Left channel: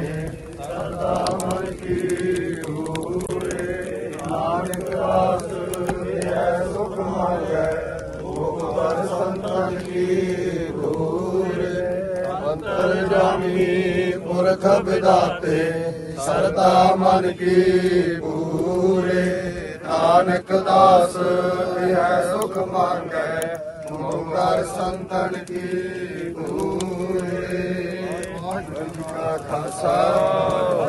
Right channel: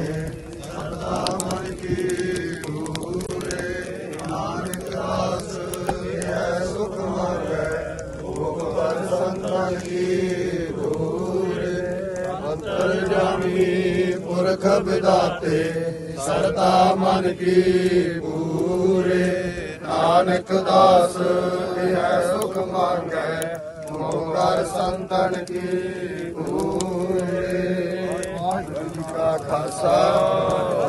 ਨਾਮ ਕੀ ਰੂਲੇ ਨਾਨਕ ਦਾਸ ਹੈ ਸੁਖ ਮਾਰੈ ਭਗਵਾਨ ਸੰਤਾਂ ਕੀ ਰੂਲੇ ਅੰਤਰ ਜਾਮੀ ਪੁਰਖ ਵਿਦਾਤੇ ਸਰਤਾ ਮਨ ਕੀ ਪੂਰੇ ਨਾਨਕ ਦਾਸ ਹੈ ਸੁਖ ਮੰਗੈ ਮੋਗਰ ਸੰਤਨ ਕੀ ਪੂਰੇ ਵਾਹਿਗੁਰੂ ਜੀ ਕਾ ਖਾਲਸਾ,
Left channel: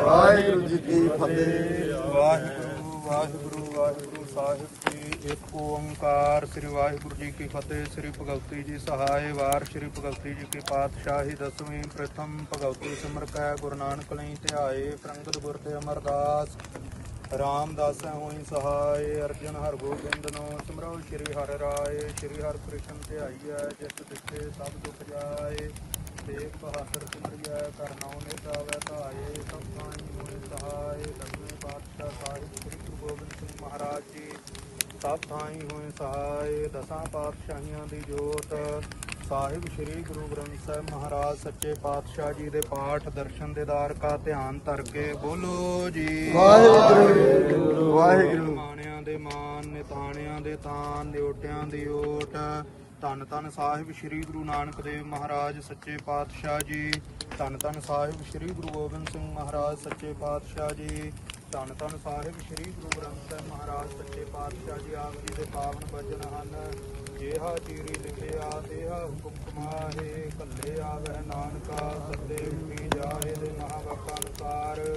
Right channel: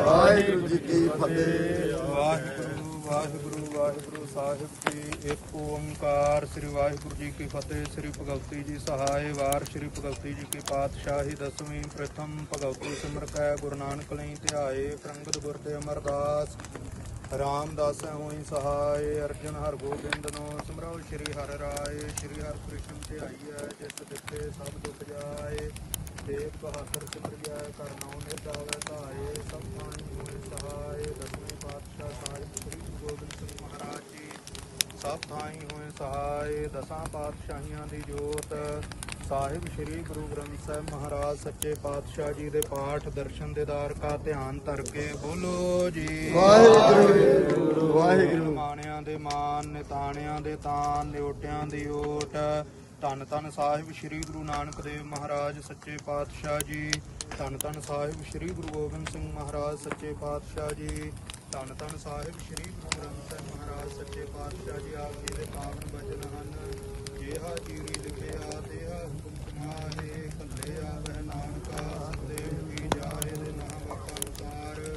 ਵਾਹਿਗੁਰੂ ਜੀ ਕੀ ਫਤਿਹ। ਵਾਹਿਗੁਰੂ ਵਾਹਿਗੁਰੂ ਵਾਹਿਗੁਰੂ, ਸਾਹਿਬ ਜੀ ਇੱਕ ਓੰਕਾਰ। ਸ੍ਰੀ ਵਾਹਿਗੁਰੂ ਜੀ ਕੀ ਫਤਿਹ, ਸ੍ਰੀ ਭਗਵਤੀ ਜੀ ਸਹਾਇ ਵਾਰ ਸ੍ਰੀ ਭਗਵਤੀ ਜੀ ਕੀ ਪਾਤਸ਼ਾਹੀ ਦਸਵੀਂ ਪ੍ਰਥਮ ਭਗਵਤੀ ਸਿਮਰਕੈ ਗੁਰੂ ਨਾਨਕ ਲਈ ਧਿਆਏ ਪ੍ਰੰਗਤ ਗੁਰ ਤੇ ਅਮਰਦਾਸ। ਰਾਮਦਾਸ ਹੋਈ ਸਹਾਇ ਅਰਜਨ ਹਰ ਗੋਬਿੰਦ ਨੂੰ ਸਿਮਰੋ, ਸ੍ਰੀ ਹਰਿ ਰਾਏ, ਸ੍ਰੀ ਹਰਿ ਕ੍ਰਿਸ਼ਨ ਧਿਆਈਐ ਜਿਸ ਦਿੱਤੇ ਸਭ ਦੁਖ ਜਾਏ। ਬਹਾਦਰ ਧਾਰੇ ਸਭ ਸਹਾਇ ਸਾਹਿਬ ਸ੍ਰੀ ਗੁਰੂ ਗੋਬਿੰਦ ਸਿੰਘ ਮਹਾਰਾਜ ਜੀ ਸਭ ਥਾਈ ਹੋਏ ਸਹਾਇ ਦਸਾਂ ਪਾਤਸ਼ਾਹੀਆਂ ਦੀ ਜੋਤ। ਸਾਹਿਬ ਸ੍ਰੀ ਗੁਰੂ ਗ੍ਰੰਥ ਸਾਹਿਬ ਮਹਾਰਾਜ ਸੱਚੇ ਪਾਤਸ਼ਾਹ ਜੀ ਦੇ ਪਾਠ ਦਰਸ਼ਨ ਦੇਦਾਰ ਕਾ ਧਿਆਨ ਧਰ ਕੇ ਬੋਲੋ ਜੀ। ਵਾਹਿਗੁਰੂ। ਵਾਹਿਗੁਰੂ ਮਾਣਿਆਂ ਦੇ ਮਾਨ ਨਿਤਾਣਿਆਂ ਦੇ ਤਾਨ ਨਿਓਟਿਆਂ ਦੀ ਓਟ। ਧੰਨ ਧੰਨ ਸਾਹਿਬ ਸ੍ਰੀ ਗੁਰੂ ਨਾਨਕ ਦੇਵ ਮਹਾਰਾਜ, ਸੱਚੇ ਪਾਤਸ਼ਾਹ ਜੀ। ਧੰਨ ਧੰਨ ਸਾਹਿਬ ਸ੍ਰੀ ਗੁਰੂ ਗੋਬਿੰਦ ਸਿੰਘ ਮਹਾਰਾਜ, ਸੱਚੇ ਪਾਤਸ਼ਾਹ ਜੀ। ਧੰਨ ਧੰਨ ਸਾਹਿਬ ਸ੍ਰੀ ਗੁਰੂ ਗ੍ਰੰਥ ਸਾਹਿਬ ਮਹਾਰਾਜ, ਸੱਚੇ ਪਾਤਸ਼ਾਹ ਜੀ, ਆਪ ਜੀ ਦੇ ਪਾਵਨ ਬਚਨ ਹਨ। ਦੇਹਾ ਜੀ ਲਿਖਿਆ ਦੇਹਾ ਹੁਕਮ ਮਾਰੇ ਕੱਲੇ ਆਵੇ ਨਾਨਕਾ ਤੇ ਜਾਏ ਮਹਾਵਤਾਰ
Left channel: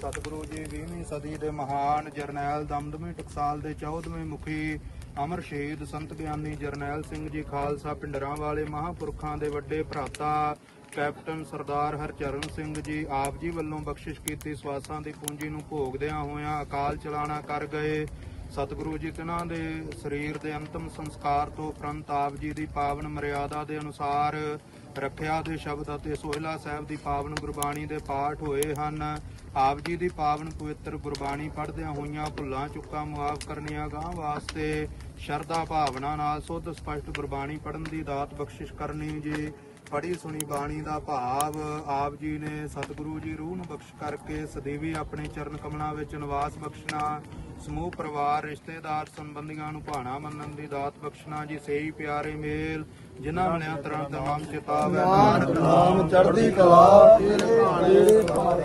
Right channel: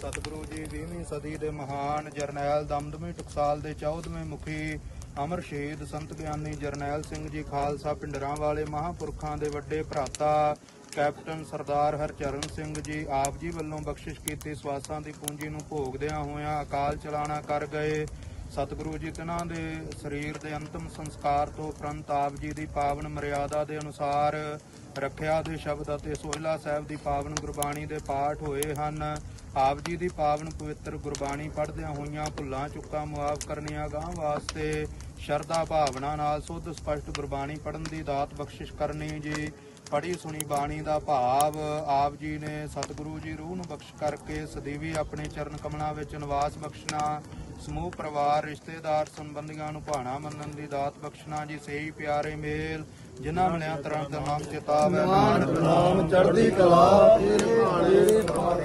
ਸਤਿਗੁਰੂ ਜੀ 20ਵੀਂ ਸਦੀ ਦੇ ਮਹਾਨ ਜਰਨੈਲ ਦਮਦਮੀ ਟਕਸਾਲ ਦੇ 14ਵੇਂ ਮੁਖੀ ਅਮਰ ਸ਼ਹੀਦ ਸੰਤ ਗਿਆਨੀ ਜਰਨੈਲ ਸਿੰਘ ਜੀ ਖਾਲਸਾ, ਪਿੰਡਰਾਂ ਵਾਲੇ ਮਹਾਂਪੁਰਖਾਂ ਦੇ ਵੱਡੇ ਭਰਾਤਾ, ਕੈਪਟਨ ਸਰਦਾਰ ਹਰਚਰਨ ਸਿੰਘ ਜੀ, ਆਪ ਜੀ ਵੱਲੋਂ ਬਖਸ਼ਿਸ਼ ਕੀਤੀ ਸਵਾਸਾਂ ਦੀ ਪੂੰਜੀ ਨੂੰ ਭੋਗਦਿਆਂ ਹੋਇਆਂ ਅਕਾਲ ਚਲਾਣਾ ਕਰ ਗਏ। ਸਤਿਗੁਰੂ ਜੀ ਤਿਨਾਂ ਦੇ ਸਰੀਰ ਦੇ ਅੰਤਮ ਸੰਸਕਾਰ ਤੋਂ ਉਪਰੰਤ ਆਪ ਜੀ ਦੀ ਪਾਵਨ ਮਰਿਆਦਾ ਦੇ ਅਨੁਸਾਰ ਰੱਖਿਆ ਦੇ ਸ਼ਬਦ ਅਤੇ ਸੋਹਿਲਾ ਸਾਹਿਬ ਦੀ ਪਾਵਨ ਗੁਰਬਾਣੀ ਦੇ ਪਾਠ ਹੋਏ ਹਨ। ਆਪ ਜੀ ਦੀ ਪਾਵਨ ਪਵਿੱਤਰ ਗੁਰਬਾਣੀ ਪੜ੍ਹਦਿਆਂ ਹੋਈਆਂ ਭੁੱਲਾਂ, ਚੁੱਕਾਂ ਮੁਆਫ ਕਰਨੀਆਂ ਗਾਂ ਵਾਸਤੇ ਸ਼ਰਧਾ ਭਾਵਨਾ ਨਾਲ ਸੁੱਧ ਸਪਸ਼ਟ ਗੁਰਬਾਣੀ ਪੜ੍ਹਨ ਦੀ ਦਾਤ ਬਖਸ਼ਿਸ਼ ਕਰਨੀ ਜੀ। ਪੜੀ ਸੁਣੀ ਬਾਣੀ ਦਾ ਭਾਵ ਆਪ ਜੀ ਨੇ ਸਤਿਗੁਰੂ ਜੀ ਰੂਹ ਨੂੰ ਬਖਸ਼ ਕਰਕੇ ਸਦੀਵੀ ਆਪਣੇ ਚਰਨ ਕਮਲਾਂ ਵਿੱਚ ਨਿਵਾਸ ਬਖਸ਼ਣਾ ਸਮੂਹ ਪਰਿਵਾਰ ਰਿਸ਼ਤੇਦਾਰ ਸੰਬੰਧੀਆਂ ਨੂੰ ਭਾਣਾ ਮੰਨਣ ਦੀ ਦਾਤ ਬਖਸ਼ਣਾ ਜੀ। ਸਹੀ ਪਿਆਰੇ ਮੇਲ ਜਿਨ੍ਹਾਂ ਤਰਨ ਦਾ ਨਾਮ ਚਿਤਾਵੇ ਨਾਨਕ ਨਾਮ ਚੜ੍ਹਦੀ ਕਲਾ ਤੇਰੇ ਭਾਲੇ।